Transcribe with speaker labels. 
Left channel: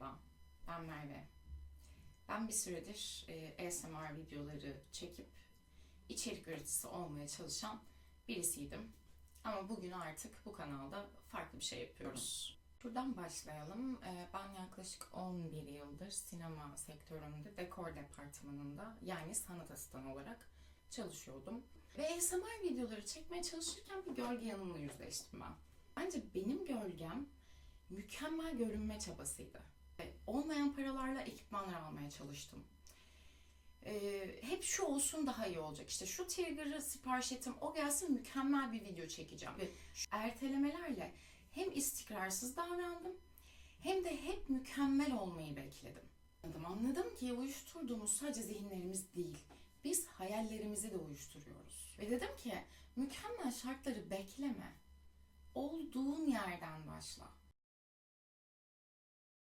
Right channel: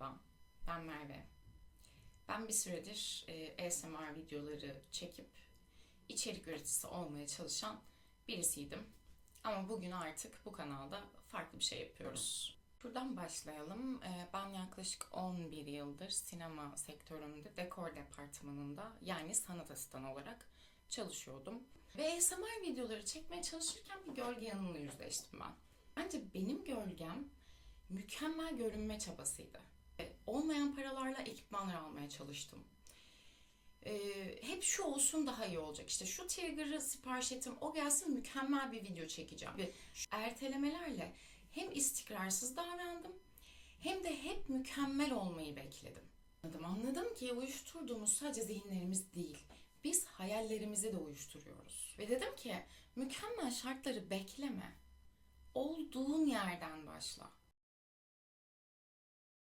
Speaker 1: Merhaba, ben Merve. Ben bir süredir e, ASMR videoları çekip içerik üreticisi olmaya çalışan birisiydim. Ama bugün artık bu kanalda farklı bir şey yapıyoruz. Buradan başlayalım. E, Ben yaklaşık 11 yıldır sinema sektöründe dekor departmanında yani sanat asistanı olarak çalışıyordum. Ve ASMR videoları çekmeye çalışırken bir gölge yanımla yüzleştim ben. Bence benim gölgem mükemmel görünme çabasıydı. E, Olmayan paralarla ekipmanlar almaya çalıştım. Ee, hep şu olsun daha iyi olacak. İşte şu trigger'ı sipariş ettim, o gelsin mükemmel bir video çekeceğim. Ve ertelemelerle hem istikrarsız davrandım hem de hep mükemmel olmayı bekledim. Anladım, anladım ki uyuşturduğumuz sadece zihinlerimiz değil. Biz hayallerimizi de uyuşturuyoruz. Ve dedim ki mükemmel şartları bekleme. Olduğun yerden başla.